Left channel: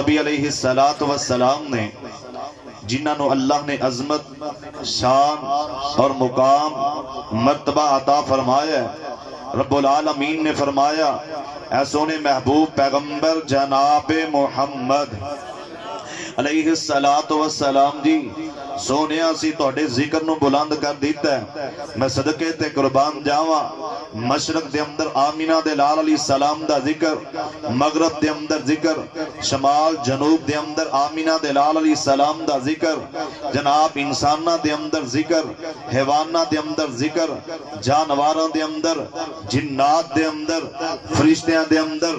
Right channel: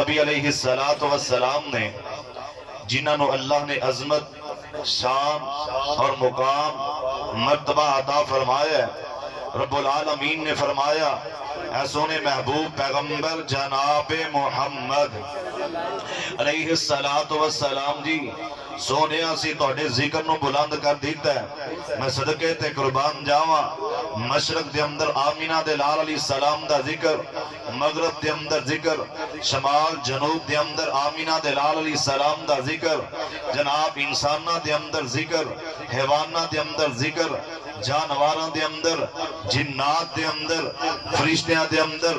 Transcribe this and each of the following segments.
نبی علیہ السلام نے جنہوں اللہ نے عظمت شان اور مقام مرتبہ عطا فرمایا ہے، رب العالمین نے فرمایا اے سونے محبوب پیغمبر جناب محمد علیہ السلام جی سونے اسی تواڈے ذکر نو بلند کر دیتا ہے، میں صدقے تے قربان جاواں۔ مشرق دے اندر آمینہ دے لال علیہ السلام دا ذکر، مغرب دے اندر ذکر، شمال جنوب دے اندر آمینہ دے لال علیہ السلام دا ذکر، جناب انسانہ دے اندر ذکر، حیوانہ دے اندر ذکر، جانواراں دے اندر، جنات دے اندر، فرشتیاں دے اندر،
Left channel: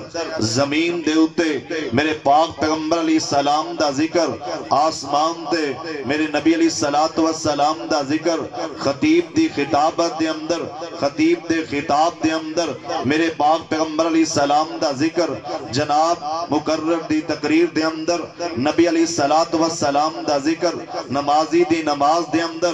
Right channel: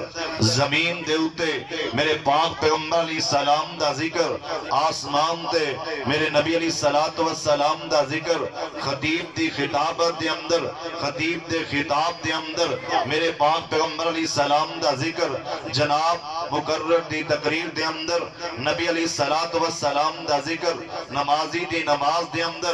زمین دے اوتے میرے پاک پیغمبر علیہ السلام دا ذکر، آسمان تے میرے نبی علیہ السلام دا ذکر، خطیب دی خطابت دے اندر، خطیب دے خطاب دے اندر میرے پاک پیغمبر علیہ السلام دا ذکر، جناب مقرر دی تقریر دے اندر نبی علیہ السلام دا ذکر، نمازی دی نماز دے اندر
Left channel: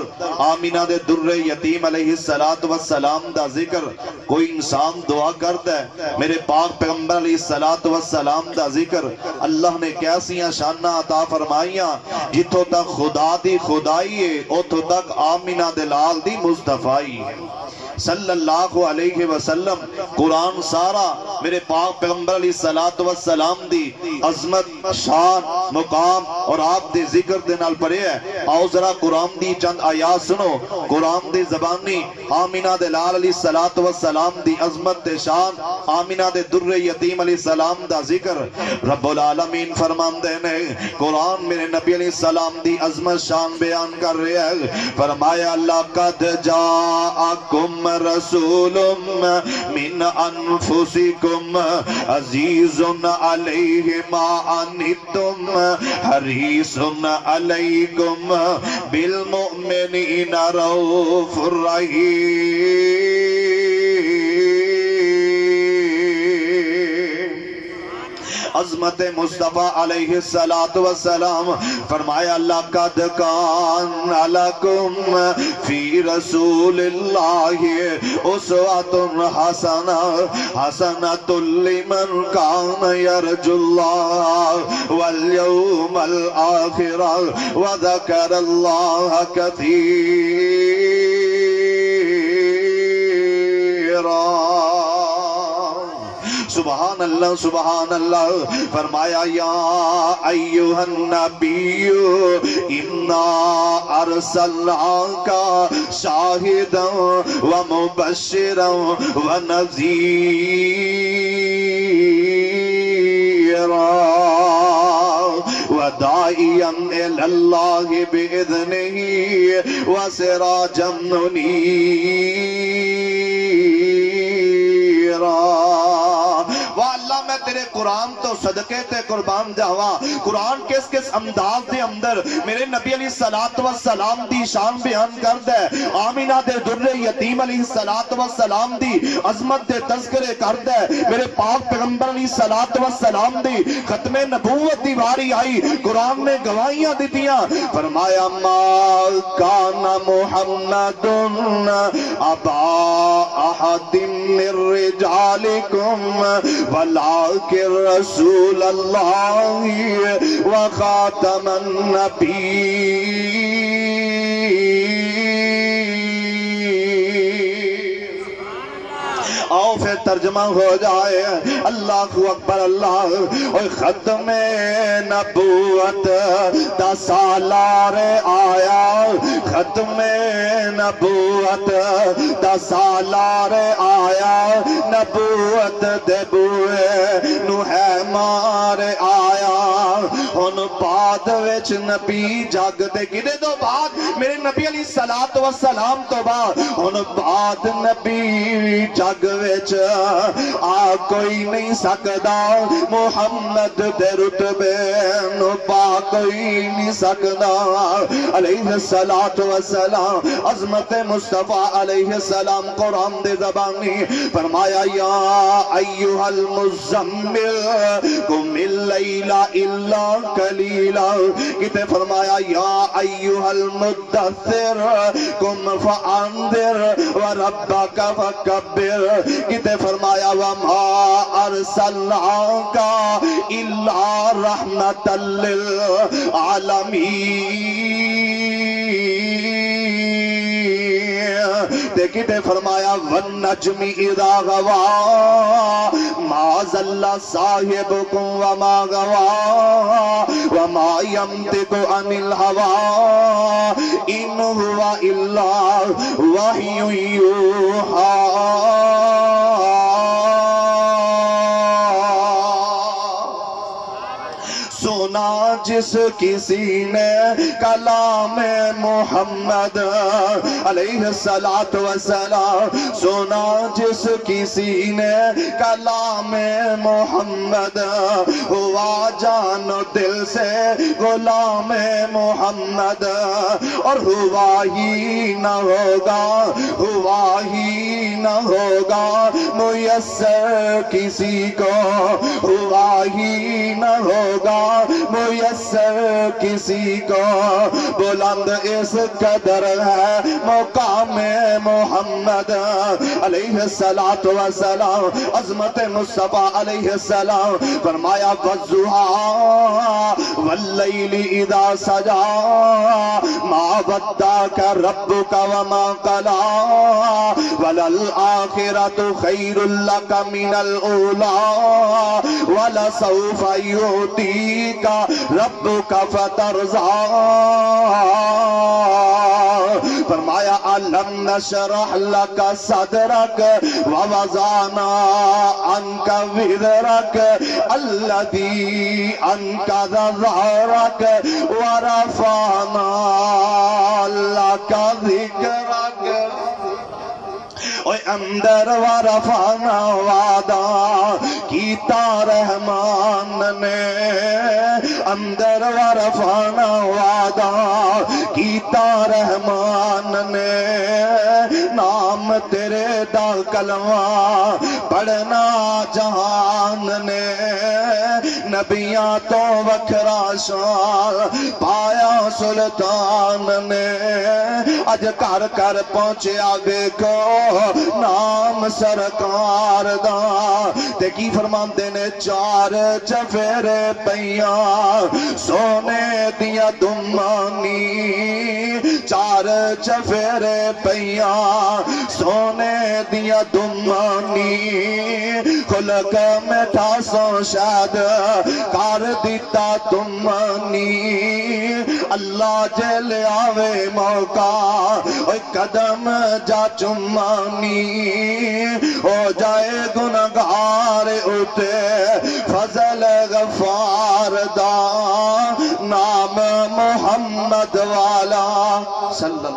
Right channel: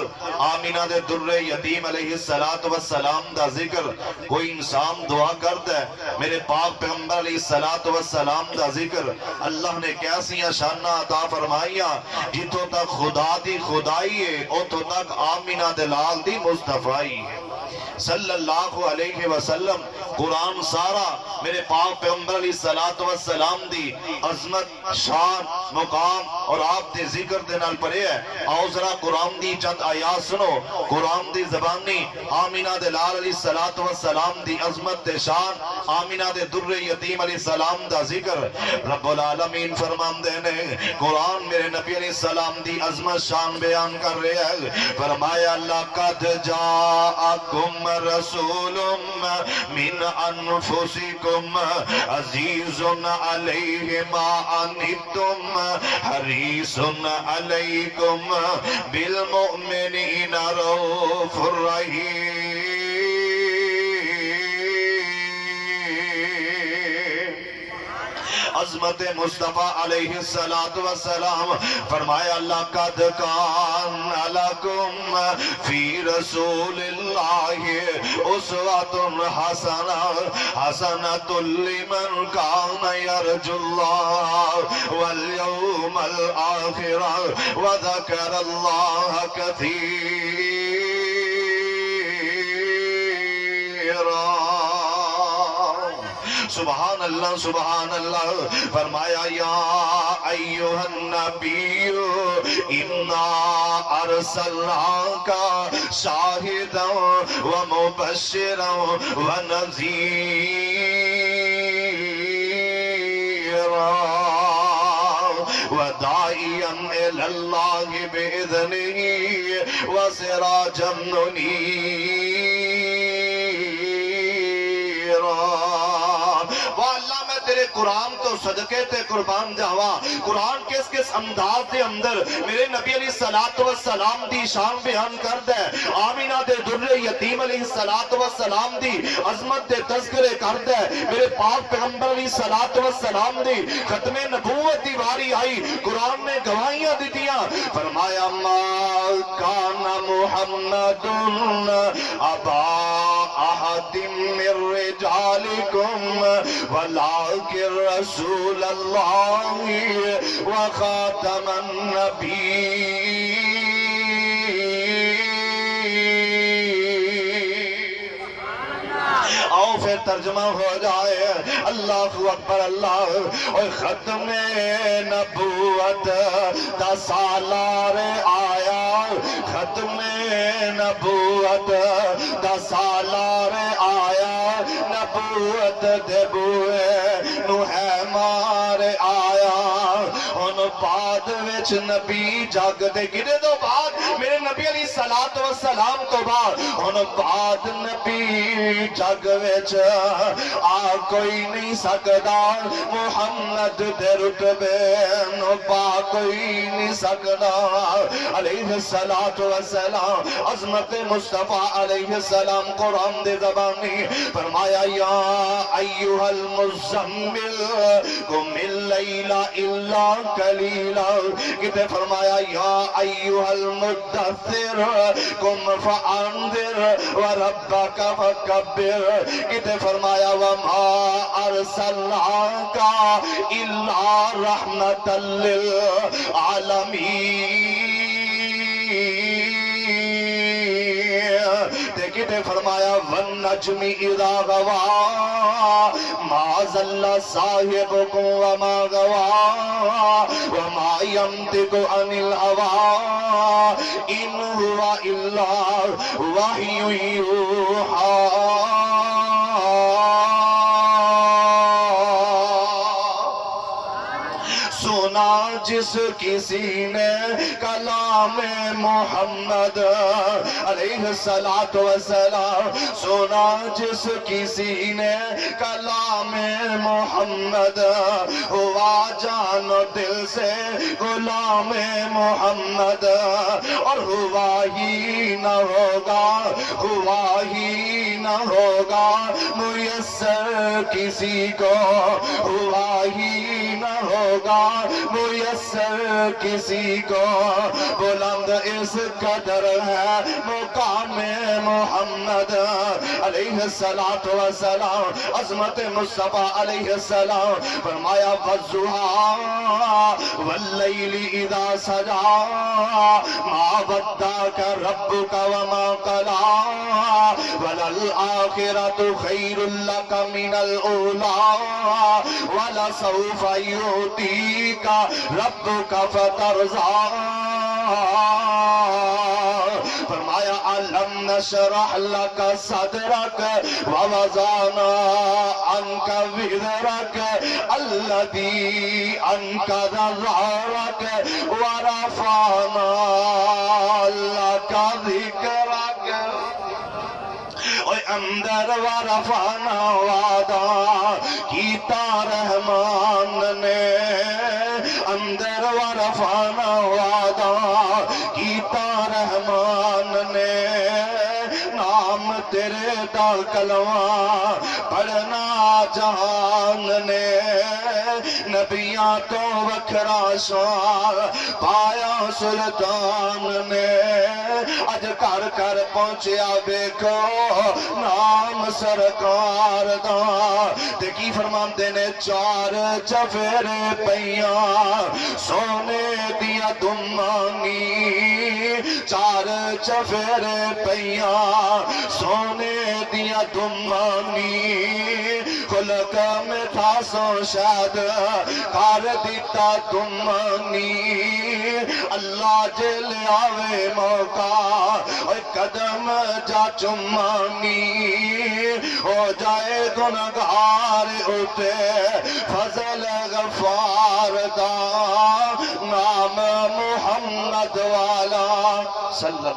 آمینہ دے در یتیم علیہ السلام دا ذکر، کوئی انسان دعا کرتا ہے میرے پاک پیغمبر علیہ السلام دا ذکر، اللہ نے کیسیاں شانہ عطا فرمائیاں، جتوں تک خدا دی خدائی ہے اتوں تک آمینہ دلال دی مصطفائی ہے صلی اللہ علیہ وسلم۔ قرآن سارا میرے پاک پیغمبر علیہ السلام دی عظمت شان مقام اور آپ دے ذکر دے نال پڑے ہے۔ آؤ ذرا قرآن دی چند آیات سنو، قرآن دی زبانی آمینہ دے لال علیہ السلام دی عظمت دے شان، آمینہ دے در یتیم علیہ السلام دا ذکر۔ رب العالمین فرماندے نے قرآن میرے نبی علیہ السلام دی عظمت شان بیان کر رہے ہیں، فرمایا لَقَدْ جَاءَكُمْ رسول من انفسکم عزیز علیہ ما عنتم حریص علیکم بالمؤمنین رؤوف رحیم۔ عظمت مصطفیٰ علیہ السلام فرمایا لَقَدْ كَانَ لَكُمْ فِي رَسُولِ اللَّهِ أُسْوَةٌ حَسَنَةٌ لِمَنْ كَانَ يَرْجُو اللَّهَ وَالْيَوْمَ الْآخِرَ وَذَكَرَ اللَّهَ كَثِيرًا۔ سبحان اللہ سبحان اللہ۔ فرمایا یا ایہا النبی انا ارسلناک شاہدا ومبشرا ونذیرا وداعیا الی اللہ بإذنہ وسراجا منیرا۔ تیرے قرآن تو صدقے تے قربان جاواں، قرآن کس کس انداز دے اندر میرے نبی علیہ السلام دی شان بیان کردا ہے، آمینہ دے در یتیم علیہ السلام دی عظمت دے تذکرے کردا ہے، میرے پاک پیغمبر علیہ السلام دی ختم نبوت دی واری آئی، قرآن نے گواہیاں دیتیاں، فرمایا ما کان محمد ابا احد من رجالکم ولكن رسول اللہ وخاتم النبی۔ آؤ پھر ترجمہ ہو جائے، اللہ اکبر اللہ۔ اور ختم نبوت دا سالار آیا، ختم نبوت دا سالار آیا، نبوت دے بوئے نو ہے مار آیا۔ ان بعد وچ نبی جگ دے گرے دو بعد میرے نبی علیہ السلام تو بعد ان بعد نبی جگ وچ آ کوئی نہیں سکدا، محمد دے رتبے نو پا کوئی نہیں سکدا علیہ السلام۔ عظمت مصطفیٰ علیہ السلام قرآن دے زبانی فرمایا یا ایہا المزمل قم اللیل الا قلیلا، کتے فرمایا یا ایہا المدثر قم فانذر وربک فکبر، کتے فرمایا وما ارسلناک الا رحمۃ للعالمین۔ دیکھتے فرمایا والنجم اذا غوا ما ضل صاحبکم وما غوا وما ينطق عن الهوى ان هو الا وحی یوحی۔ سنا جس کسی نے کلام محمد علیہ السلام، سنا جس کسی نے کلام محمد، ہوا جان و دل سے غلام محمد، اور ہوا ہی نہ ہوگا، ہوا ہی نہ ہوگا میسر کسی کو، ہوا ہی نہ ہوگا میسر کسی کو۔ بلند اس قدر ہے مقام محمد علیہ السلام، عظمت مصطفیٰ علیہ السلام۔ فرمایا والضحیٰ واللیل اذا سجا ما ودعک ربک وما قلی وللآخرۃ خیر لک من الاولی ولسوف یعطیک ربک فترضی۔ فرمایا الم نشرح لک صدرک ووضعنا عنک وزرک الذی انقض ظہرک ورفعنا لک ذکرک۔ اندر ورفعنا وعدہ کیتا رحمان نے، اندر ورفعنا وعدہ کیتا رحمان نے، نام تیرے دا کلمہ پڑھنا جہان نے، نبیاں تو وکھرا شان پایا سلطان نے، اج کر کر پہنچیا ویکھو نام سرکار دا۔ تے کی فرماندے نے چار چفیرے پیاں سونے دیا دمانی، چار چفیرے پیاں سونے دیا دمانی، خلق میں تھا سو شاد کار دیتا دمانی۔ اللہ جل آوے موقع قدم جا چمانی، ہو جائے گناہگار اتے فضل غفار دا، نام محمد والا صلی اللہ